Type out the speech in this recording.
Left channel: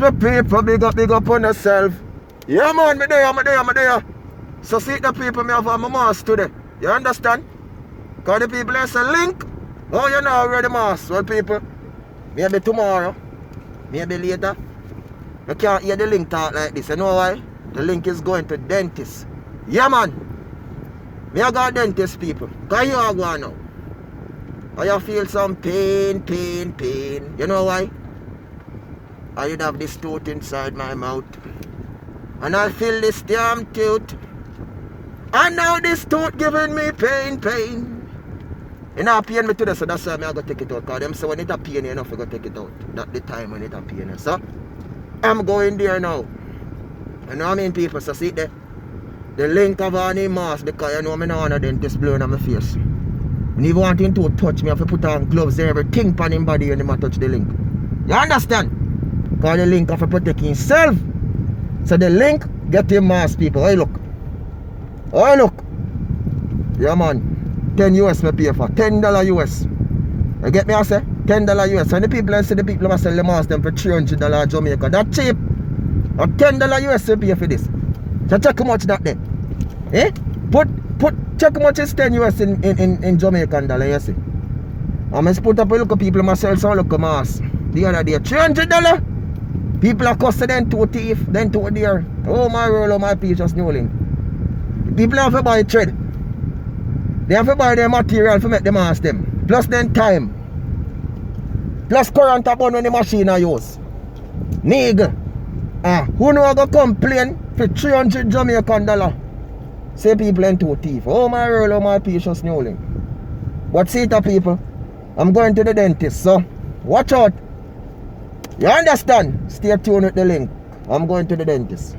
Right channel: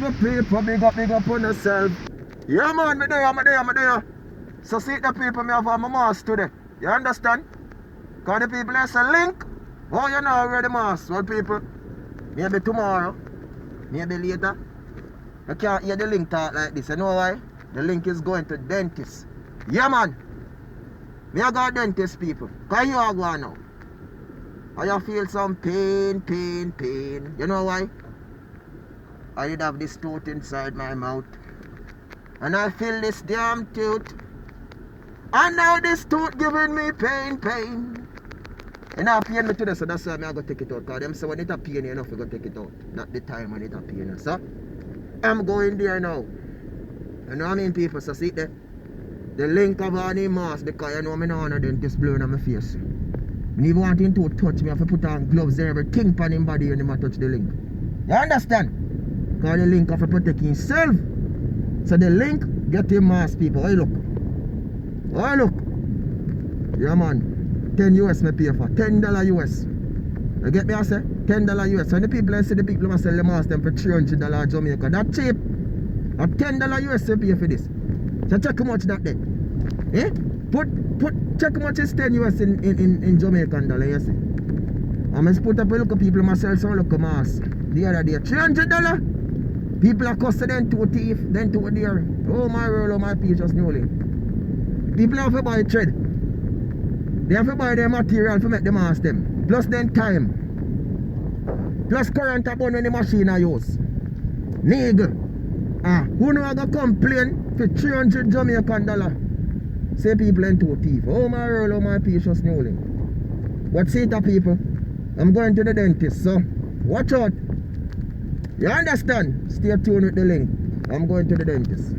my people, big up on yourself. Yeah man, me there. So see the people me have on my mask today. You understand? Cause the people they say link. Oh you know already mask. Well people, maybe tomorrow, maybe later. I can't hear the link talk like this. You know why? The link is going to dentist. Yeah man. Me I got dentist people. Can you all go now? Or you feel some pain. You know why? I did have this tooth inside my mouth. And I feel this damn tooth. And now this tooth giving me pain. You know, pain me today, so that's why I go take it out. Because them say when it a pain, you know, you go take it out. Not the time when it a pain. So, I'm going there now. You know what I mean, people? So see there. The link of any mask because you know me now on a dentist blowing on my face. When you want him to touch me, I have to put on gloves and everything on him body when I touch the link. You understand? Because the link have to protect himself. So the link get him mask, people. Hey look. Oh look. Yeah man. 10 US me pay for. $10 US. You get me I say? $10 US. And the people I see the people must sell the mask them for $300 Jamaica. That cheap. And $10 US you pay for this. So check how much that there. Eh? Check how much is 10 US in Jamaican dollar, you see. I must put up a look at people myself some look at mask. The other day, $300. People are costing them to thief, then to dear. Oh my world, oh my peaches newling. People have to buy thread. They have to buy their material to make the mask them. Plus then time. Plus current upon when the machine are used. Nigga. Who know go complain for 300 Jamaican dollar? Say people ain't too thief. Oh my world, oh my peaches newling. But see it people. I'm going to the dentist, so watch out. You understand? Stay tuned with the link. I'm going to the dentist.